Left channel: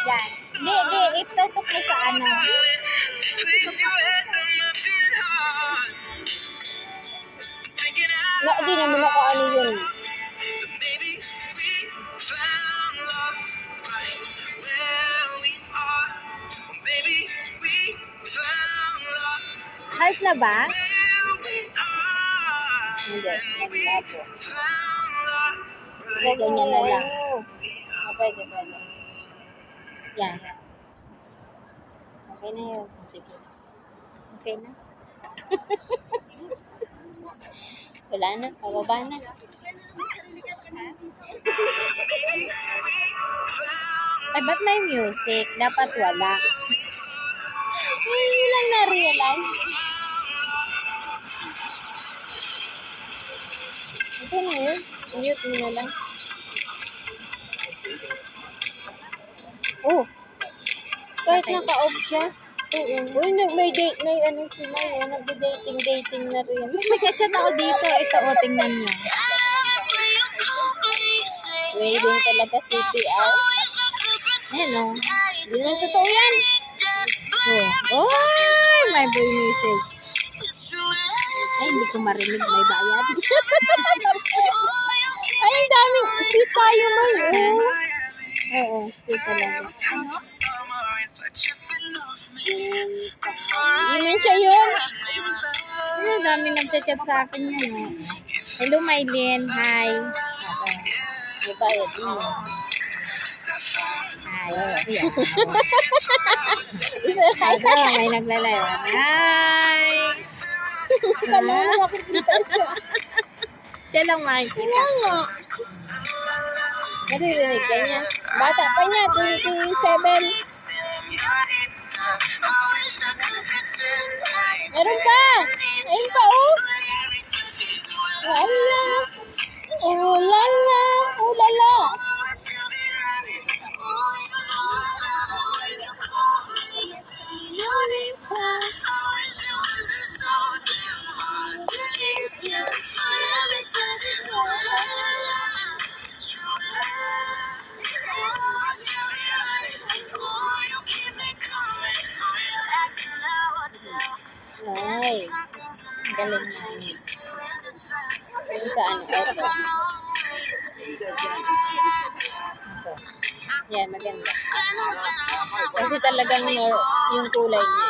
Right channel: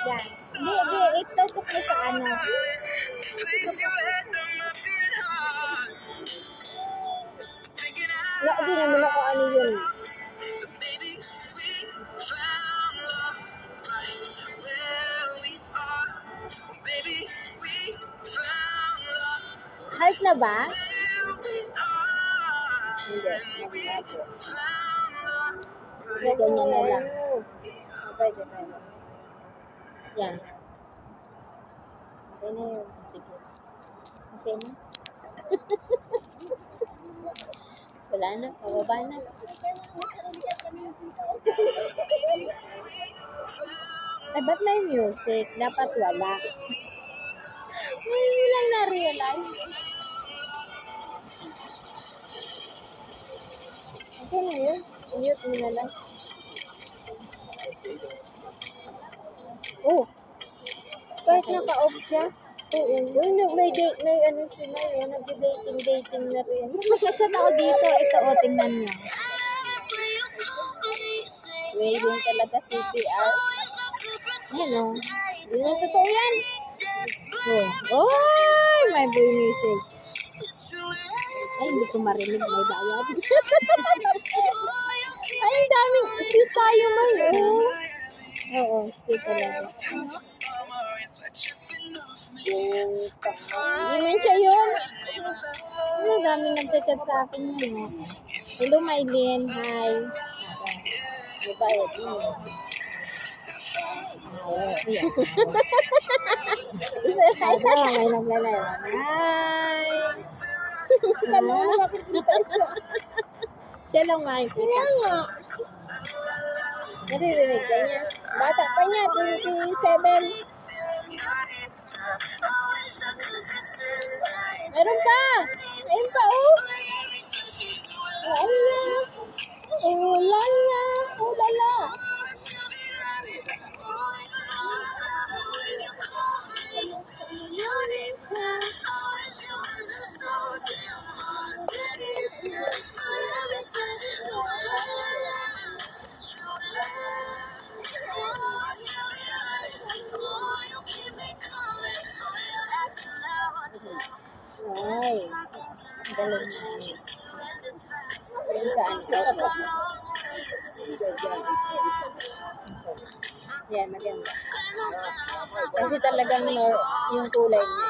Yan. Di, itutok mo sa ano. Na, di naman ako ano yun. Heart na ba? Hindi, naglapo. Ganyan na lang. Pwede. Yan. Okay na yun. Sige. Okay na? Wala na, pababa na. Ay, ba't may music? Dapat wala. Hindi lang na-realize. Okay na yun. Mute mo na lang. Oh. Kahit naka-off siya. Oo. Uy, may ano sila eh. Nagda-dating na rin. Nag-chat ako dito. Ito, o, tingnan nyo. Waiting talaga CPR. Ayan, o. Hindi na totoo yan. Oh. Ay, may boy message. Ay, hindi ko marinig. May bayad. Ay, ang daming. Sweet tayo mo yun. Oo, sweet talaga. Hindi man siya yun. Ay, dami nag-chat sa akin yan. O. Hello, Mylene. Hi. May bayad yun. Hi. Ayan. Isa hi. May naglalayo. Hi. Kanina makikita siya. Siya lang makikita. Kaya nga. Naririnig ka niya. Bata pa niya, 27. Meron pa. Ayun pa, oh. Lala. Oh, lala. Oh, lala. Ay, galing na. Yung sa ano, ito. Yan, maganda. Kasi talagang yung kulay niya.